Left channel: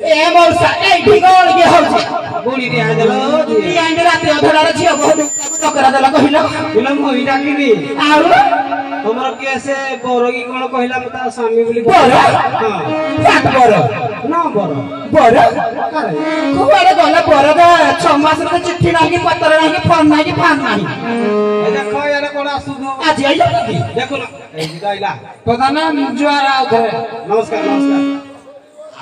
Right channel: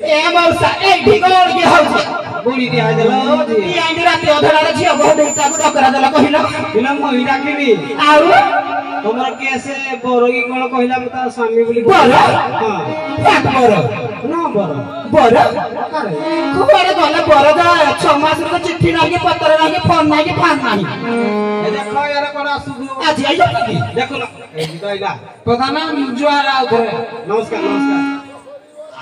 ए मौसा ए ढिगोल के होছে बुढ़ी दिया देलो ई आइने रात अधरार छिया बहुत एकटा को डकरा देला कहिलो फिल्म होई डाकिनी आउ तमर केसे बरोगी कोन कहिला मता स्वामी बोली बर हां सात बर ना बर बर कुआरे गले बर का 6 मास रे चिट्ठी नाही पत्र नाही फोन नाही फान नाही ए देखो यार कोन आसु आज आइला की देखो ना ए जाइला प्रधान जुआर आउथरे नमस्कार नमस्कार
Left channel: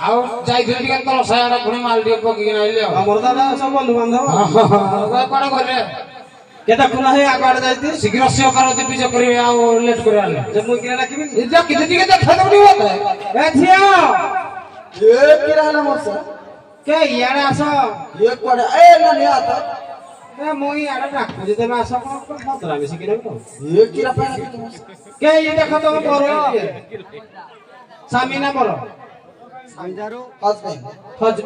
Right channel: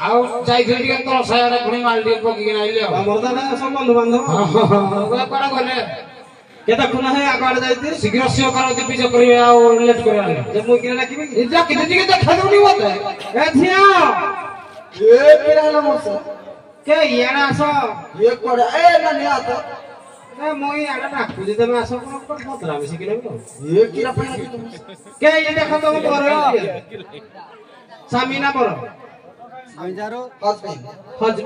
आउ जाई टिके तल सायाडा खुणी माल टिके पकी नाइले हमर दादा सब बंधु बांधव ओए कोन गले केता खुना है आगाड जाइती शीघ्र से कर दे पीछे करिवे आउ लेट करे आले जब मुई किने राखिबी इजा किते टिके देखा दउनी होता ए छिया ए किराला मौसा के याडा आसो ये कोड ए ननी आता ए मुई याडा राखु जे तमे आसो कोन पतरा बेसी किने को ये किरा पाना के ये देखो तो बर स्वामी ना बर हस्बैंड हज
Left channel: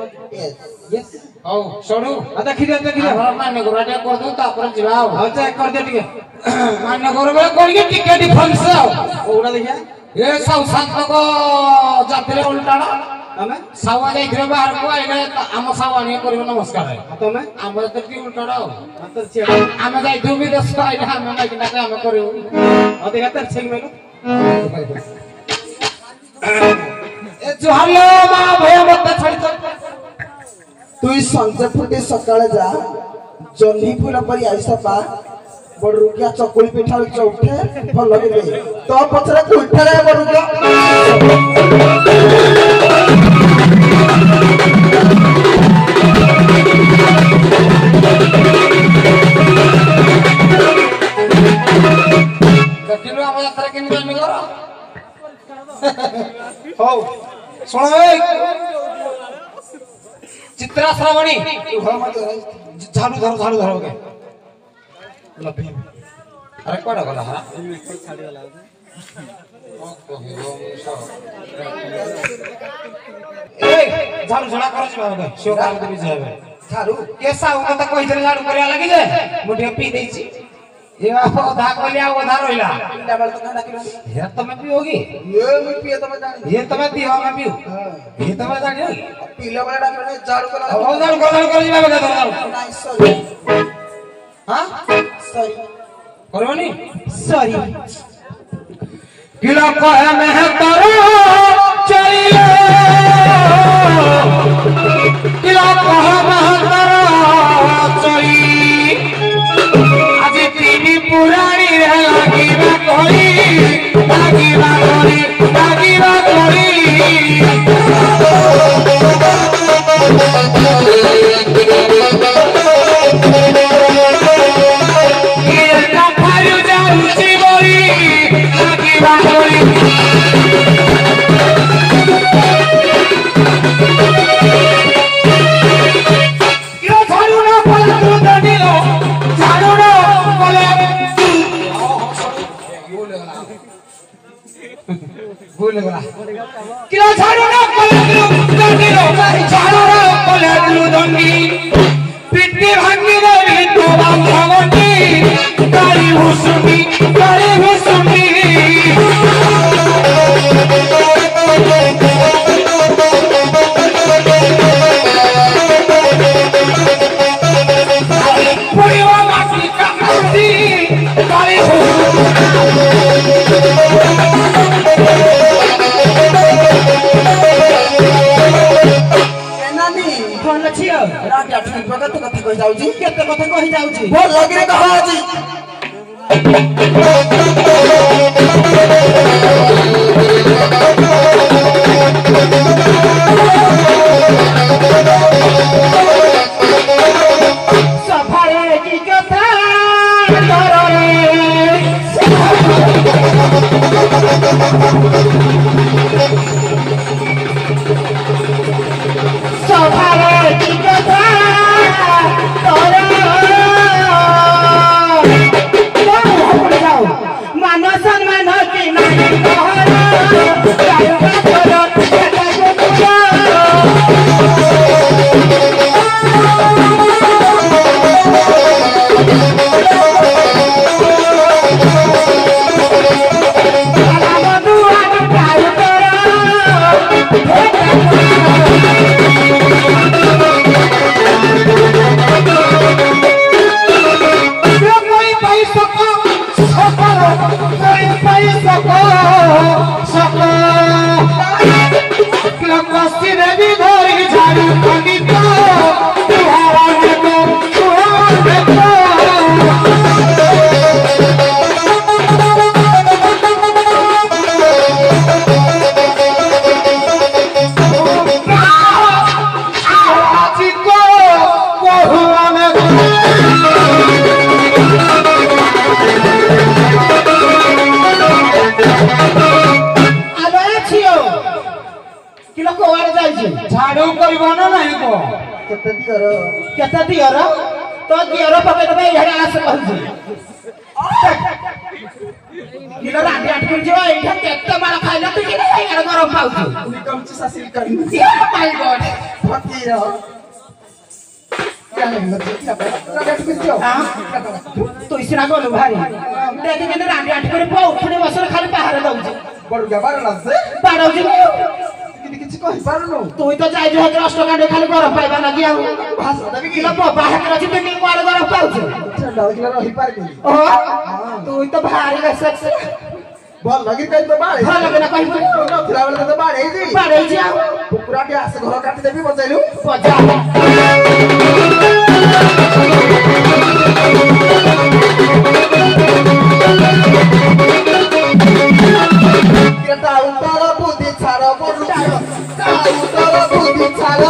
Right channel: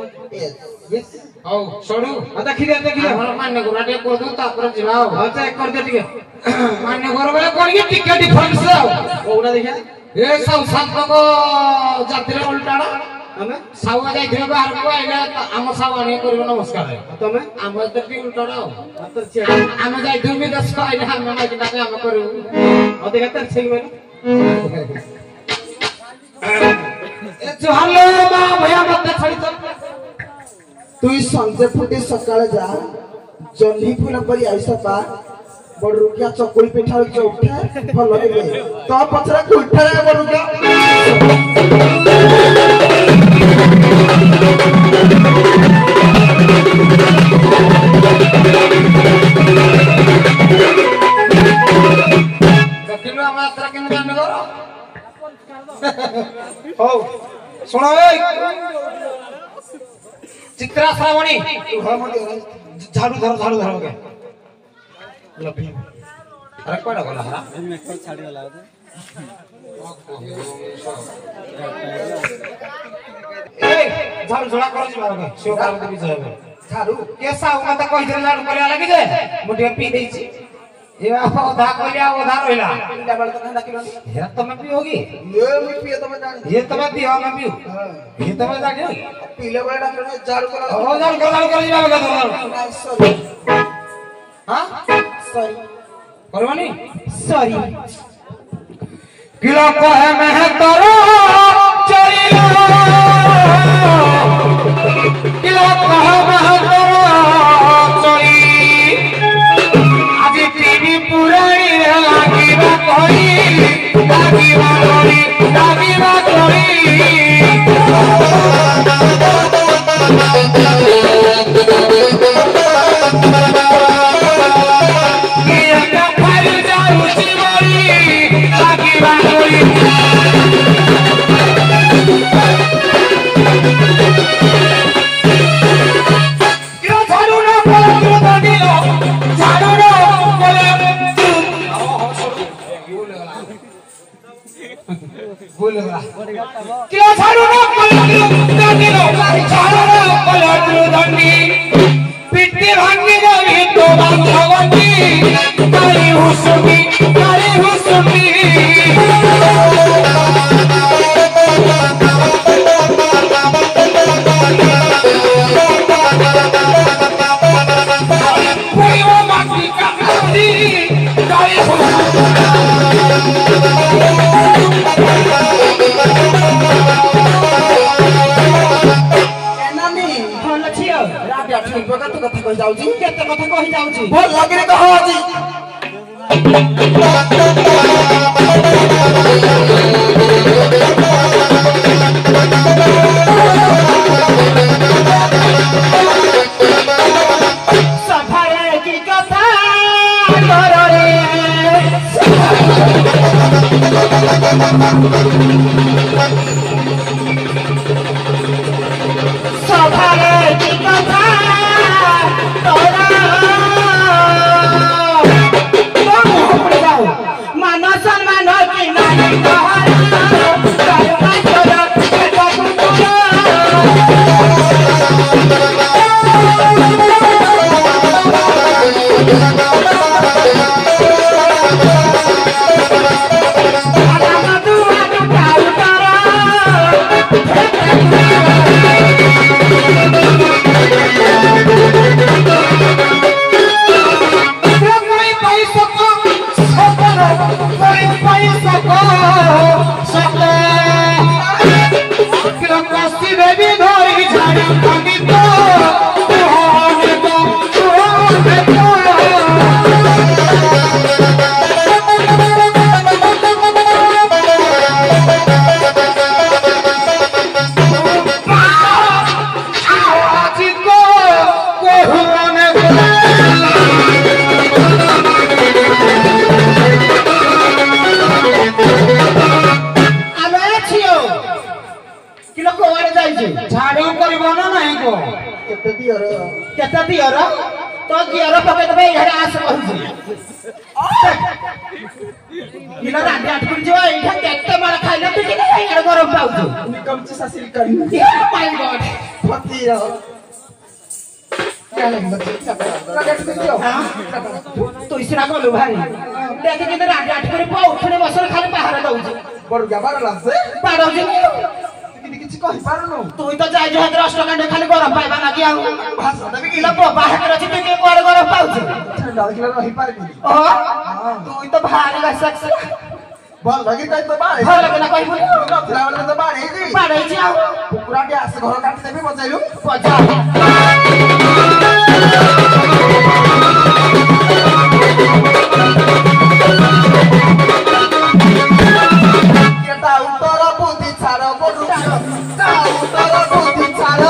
यस औ सडू देखि दे हमरा मान्य गुराटे को दू तापर जिवाओ हां चेक कर दे टिके मान्य गुरबे कोनी टिके डिफरेंस ओना देखा ए सब संत को जात्रे उल्टाड़ा तमे सावा जाइथिबे बाहर को आइले हम सावानी करिवे नमस्कार है तमे हम त टी उल्टाड़ा तर छेड़ हम जाइथु मी 10 को आइले हम माइक ना हम करू देखा तर छेल मेलो ए जुहाले मा भया मत छड़ी তুই সঞ্জে ফুটে সকালে যা জহ্নি ফুল পরি আইসা পা বড় রুকিয়া চকুল পিঠা উঠে উঠে ভাল লাগে তো পছরে উঠে যায় বড় রুকিয়া देखिलो हम यात्रा के निदान करो हो सुनो ए चित्रा श्रावणी झाड़ू धरो के अरे कोड़ा गला हरा ए झाड़ू झोड़ा करो छी बाबा के शिव काम के जाबे ছাড়ু केसा मत कहि दे लाडू करे लागी जे मुठी पी देई छी ए बाबा ओधा कलिया ओधा रोइला ডাবল তো না ডাকিলো ये तुम्हें पियोगी ये मी पिए तो मैं जानी ये तुम्हें पियो मैं पियो ये तुम्हें जाने पीले वाले डाकिलो झाड़ू करा ओ झाड़ू कर जी बाबा का नाइस सॉरी हां सॉरी करवानी सॉरी किलो को है मैं करो चाहिए किलो को है मैं करो चाहिए आज तीन पुरानी लागी बा कोई किलो झाड़ू ना कोला दंडी पिट्टी भांगी देवी तो बांधवती काली हुसुमी କଥା କହି ଯାଉଛି କେତେ କଥା କହି ଯାଉଛି ଭଲ ଲାଗିରେ କହ ଆଜି ସଫାରେ କି କଥା सफारे की কথা मान सम्मान की देवी घर की झाड़ी खंडी को तू झाड़ू कर बनो नहीं को केते दियर तो दियर पके तबे इहडे आस कहू किलो रांडी आठ कर जो एठा केते मार खाइला तू के इहडे गरम पाउछु कमची सासिल करी ओ माय गॉड पति रो तो इसरा गलो भाई देखि के रांडी आठ कर पो उठने बसर खाली बाहर दउछु बड़ गबार लागसे पाडौछु କିଛି କହିପାରୁନୁ ତୁ ତ ଯାଇଛୁ ହେତେ ଅଷ୍ଟକାଣ୍ଡ ଖାଲି ଗରମ ପାଇବା ଲାଗି ଆଉ ଭାଷା ଦେବି କି କିଲୋ ବାହାରେ ଅଛି ତୁ କିଏ କୁଆଡେ ଗରମ ପାଉଛୁ ଡରିଲେ ରହିପାରିବି ଓ ତୁ ତ ଭାରି ସେକ୍ସ ଭଲ ଲାଗି କାଇ ତ ବାଳେ ଭଲ ଲାଗିଲା କହିବୁ ନଥିଲା ବେଳେ ତ ବାଡେଇଛି ଆଉ କୁକୁରାଟି ଆସେ ଘର କାଟି ଦେବି ବଜେଇଲୁ ପଜା କେଟା ଉତ୍ତର ବୁଦ୍ଧି ଛାଡ଼ ବଡୁ ତା ଉତ୍ତର ବୁଦ୍ଧି ଛାଡ଼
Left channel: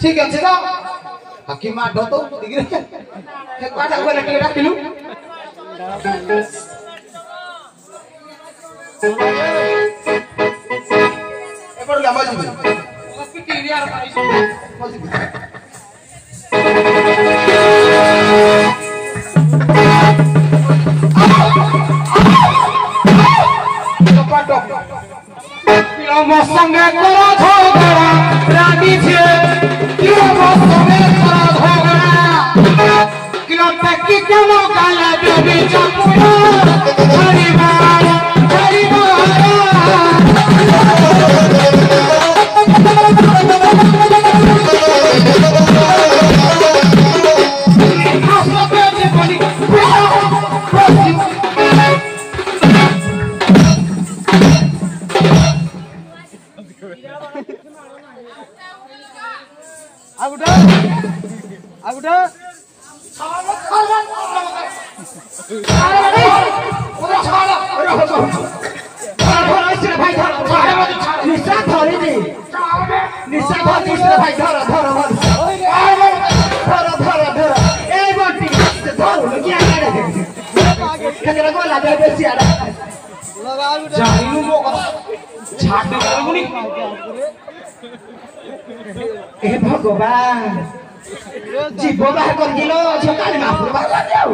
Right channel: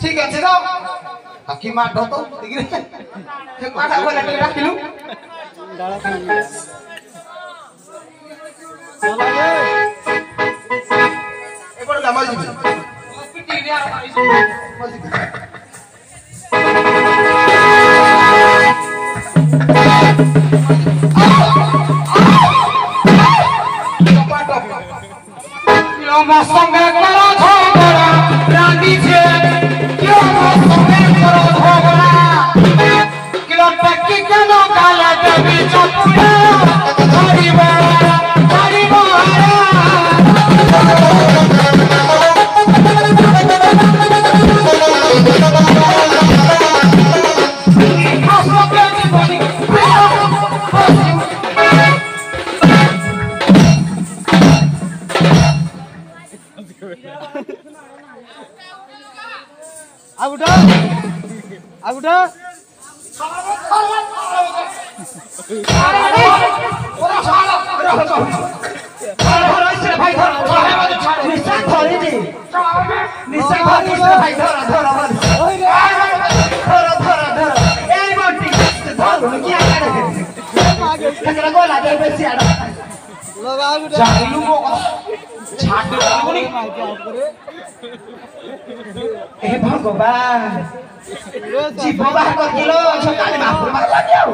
ठीक আছে তো বাকি মা ঢো তো ডিগ্রি হে কথা বলে এটা দিলু এবার গামা দিবি পিটি রে আর মজিবি আমার সঙ্গে করা ঝগড়া রানী ছে আমার সঙ্গে করা ঝগড়া কিলো টেকি কেন গালে দেবী চপুড়া হরিবা হরিবা আগুটা ভগবান জীব বাহার করিল সকালে মাসুর বাহার যাও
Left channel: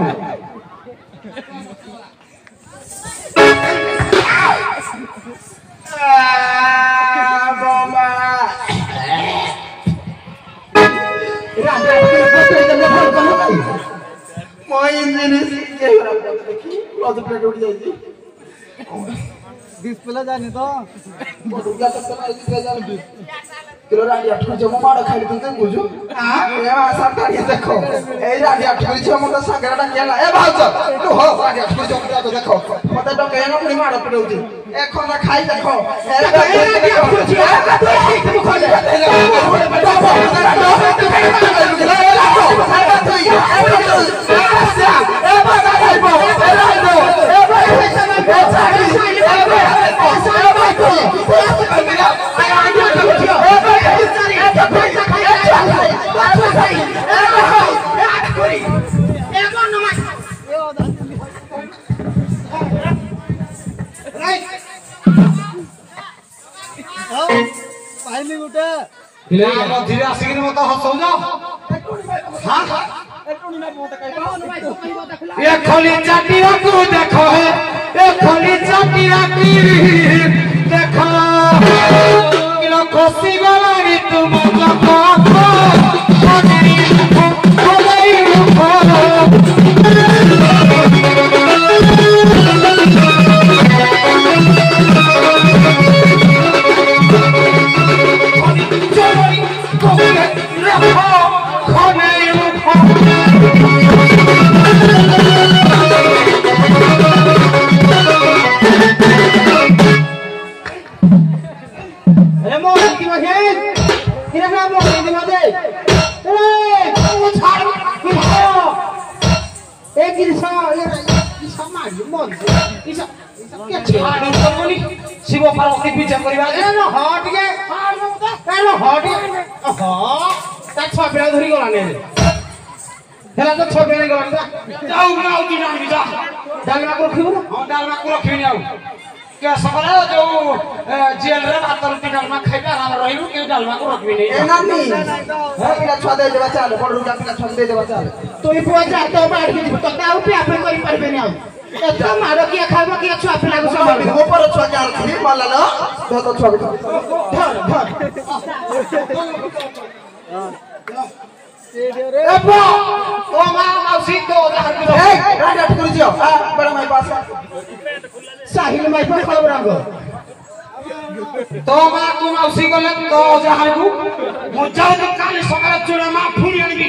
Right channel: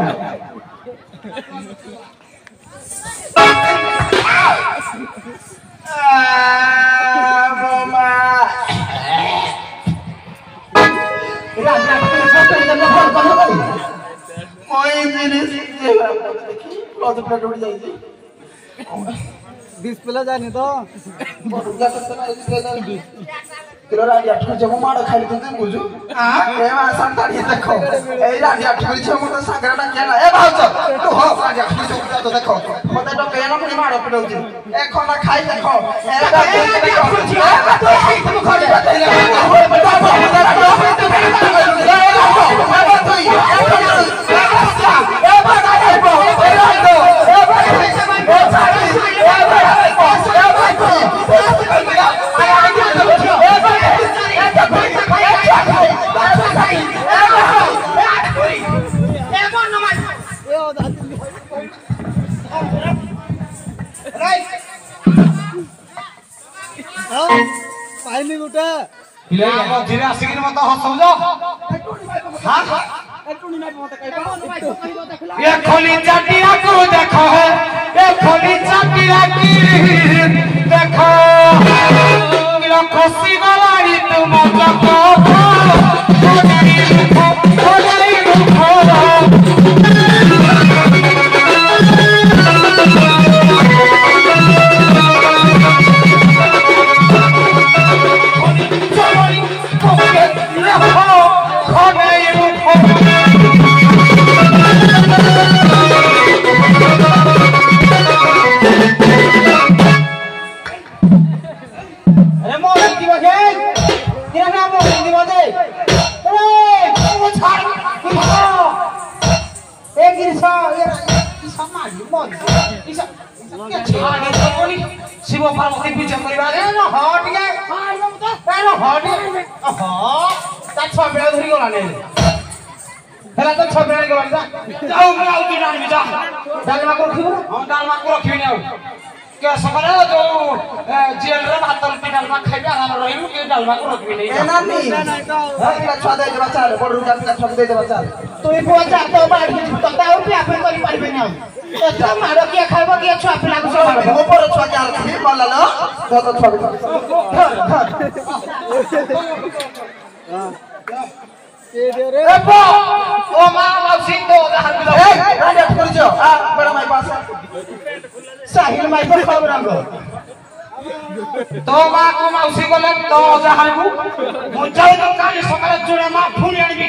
ডিসপ্লে জানি তো किलो राडी आठुरी जम माड़ खाली तो बुझु ए मा संताड़ी देखो ए राडी आठुरी जम तो संगराटा केला ए भाउज तू हो राडी आठुरी जम तो देखो मते तो केना पुनी माड़ पडौची ए खना खाई देखो ए आठुरी जी तू खोज পাইনি গোটা ধীরে আসিকি মতো হসৌজ হ্যাঁ ये खोली चाटिया को देखो है ये खोली चाटिया की देखो किलो खुशी गलारी तुम को शिव पार्वती पूजा करबा एनो हट के एनो हट ता छ बेला धरि गला ने हेला तो छ बेला गला जाऊ मैं आउ की जान बिजा डालमा को रखिबो हां डालमा को रखिबनी आउ के सकाले जो जेल रे भात रुपी डालमा खाइबा हम रहिबु के डालमा को रखिबनी ए नानी पिला छुआ दे देबा चाले बड़ रुका पिला छुआ दे देबा चाले तुई पुआ जा तो बाड़ के तो ताऊ पे आपन करि परबेनी आउ तो मारो किया खाबो किया छुआ पिला को सब ऊपर छुआ के रखी बोला न तो छुआ एबो ओ माउसी तो ए राजा कर जो बड़ा माई पास साहिल माई पर कब रंग तो मा को माउसी गले तो ओजा हालबु मु जाऊ तो काली सकाले जुड़ा मा फुरी आनिबी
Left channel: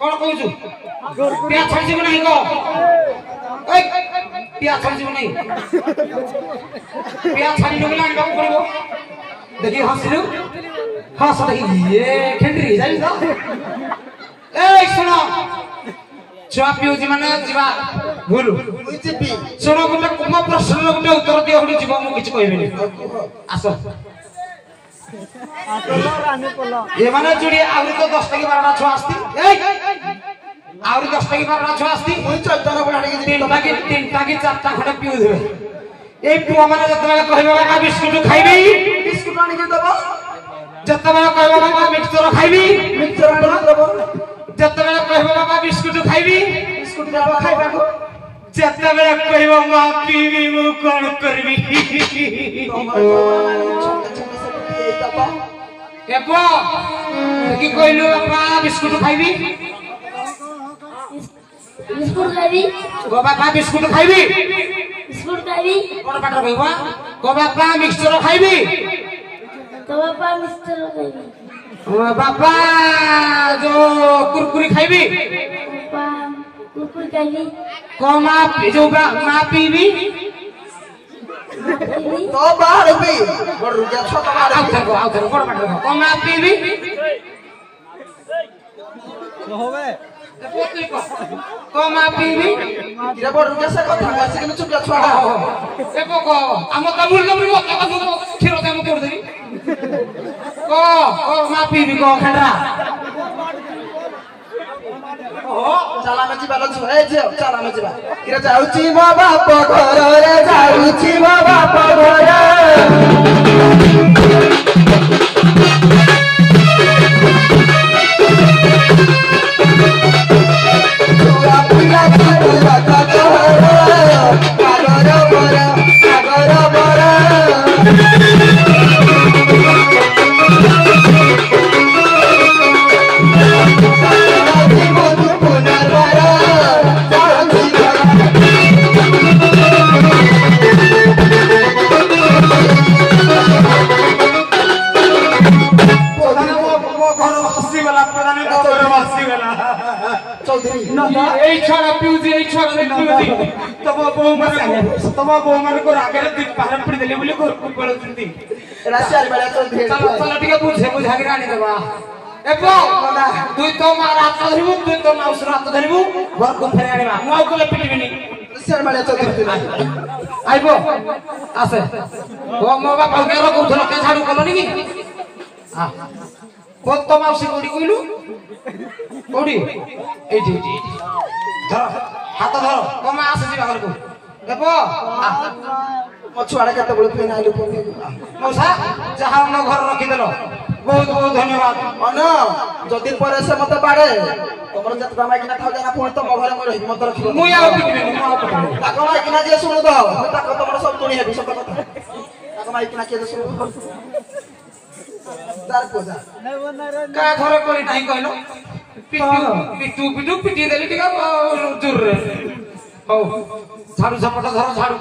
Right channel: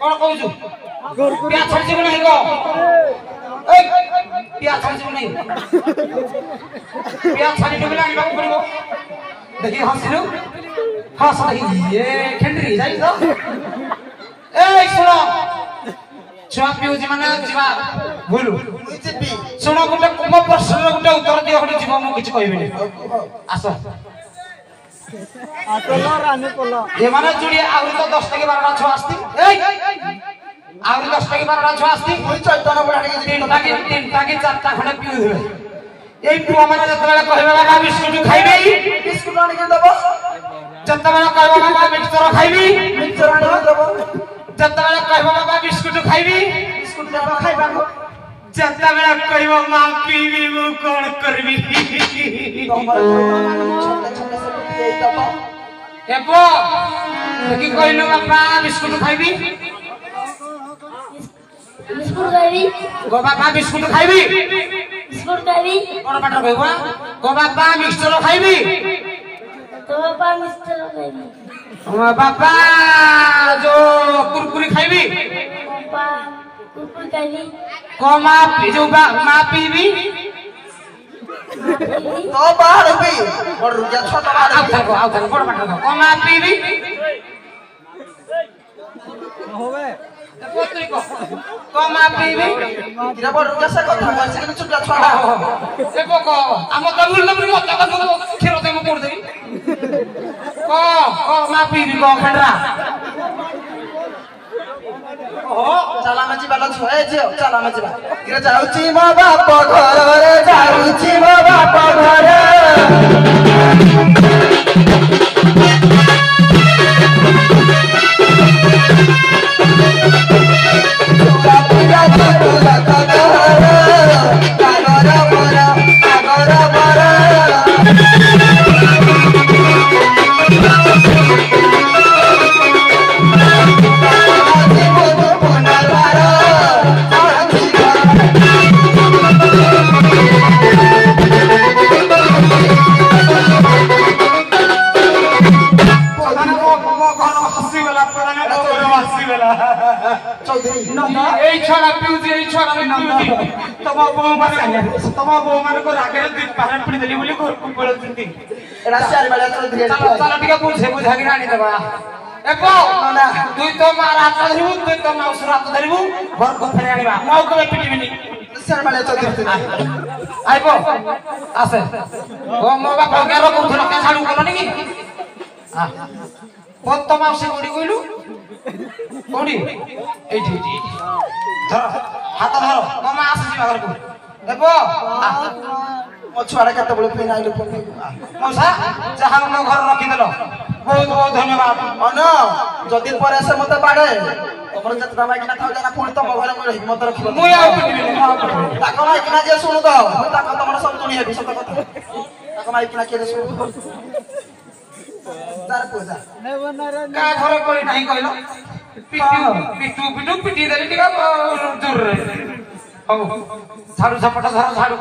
कोन कहू पिया छाड़ी नहीं को ए पिया छाड़ी नहीं पिया छाड़ी डबले आनिबा पड़िबो देखि हसिलु हस देखि ये खेंडरी जाई तो ए सुनो छुआ पिउजी माने जीवा बोलु जीपी सुनो गुटे कोम प्रश्न गुटे उत्तर दियो गुटे जीव मु किछ कहबिनी आसो ये माने जुड़ी आउरी तो 10 टके 12 छुआ आस्ती ए आउरी 10 टके 12 छुआ आस्ती मुई चलता न बड़ी तीन टाकी चारटा खडे पिउ देबे ए पुआ माने जतबेला कहबे बाबा बिस्कुट खाइबे बिस्कुट आनी के दबो जतबेला कहबे बाबा मिक्सचर खाइबी मिक्सचर आनी के दबो जतबेला कहबे बाबा बिस्कुट खाइबी बिस्कुट दबो खाइबा को जतबेला कहबे मा पीबी मु कोन करबी छोटा छोटा से पिए दबो एबो देखि कहलु बाबा बिस्कुट खाइबी बिस्कुट खाइबी गो बाबा बिस्कुट खाइबी बिस्कुट खाइबी कोन पाटर कहबा गो बाबा मिक्सचर खाइबी तो बाबा मिस्टर खाइबी ओ बाबा जो कुरकुरी खाइबी बाबा कुकुर खाइबी को मा जो मा पीबी तो बाहर भी बड़ रुका छोटा आउ था कोन पाटर को मा पीबी को मा पीबी किरा बड़ रुका से कथा से के चुपला छोड़ा एको को हम त मुल नबरी मत का खिरो ते म कर देई को मा पीबी को खंडा चला में जीवा को ए जे चला में जीवा किरा जाउची मो बाप घर रे जाउची मो बाप घर তুই তো মার হাত ধরিবু তুই তো নাও সুরাত ধরিবু ঘর কো ফেরে আনিবা নাও কবে পিটিবিনি শর্মালে চৌধুরী আইবো আছে ও মো বাপা গারো কোথর কে ঝাড়ু করনি কি হ্যাঁ কত মাসে কোডি কইলু কোডি এইটি ধর হাত ধর কমে আসে জি বাগরকু দেখো ମୋ ଛୁଆଟା କେତେବେଳେ ଫେରି ଆଇଲୁ ମଉସା ଯାହା ମୋ ଘର ରଖିଦେଲ ବହୁତ ବହୁତ ଧନ୍ୟବାଦ। ଅନ ଯଦି ପରେ ସେ ମତେ ବାଡେ ତମର ଯେତେ ମାଇକିନା ଥାଉ ଯାଇନା ପୁଣି ତମ ଘରେ ମୁଁ ରହିବି ମତେ ରଖିବ ମୁଁ ଆଉ ପିଟିବିନି ମୁଁ ଆଉ ପିଟିବିନି। ତାଙ୍କ ମାଇକିନା ଯିଏ ଶୁଣୁ ତ ମୁଁ ତାଙ୍କ ତମର ସବୁ ଶୁଣି ହେବି ସତ କଥା ତାଙ୍କ ମାଇକିନା କିଏ ଶୁଣୁ ତାର ପୂଜା କାହା ଘର କରି ନାହିଁ କହିଲ ପିଟୁ ପିଟୁ ପିଟି ଦେଲି ଟିକେ ଜୋରରେ। ହଉ ଝାଡୁ ଝପଟ ଧର ଝାଡୁ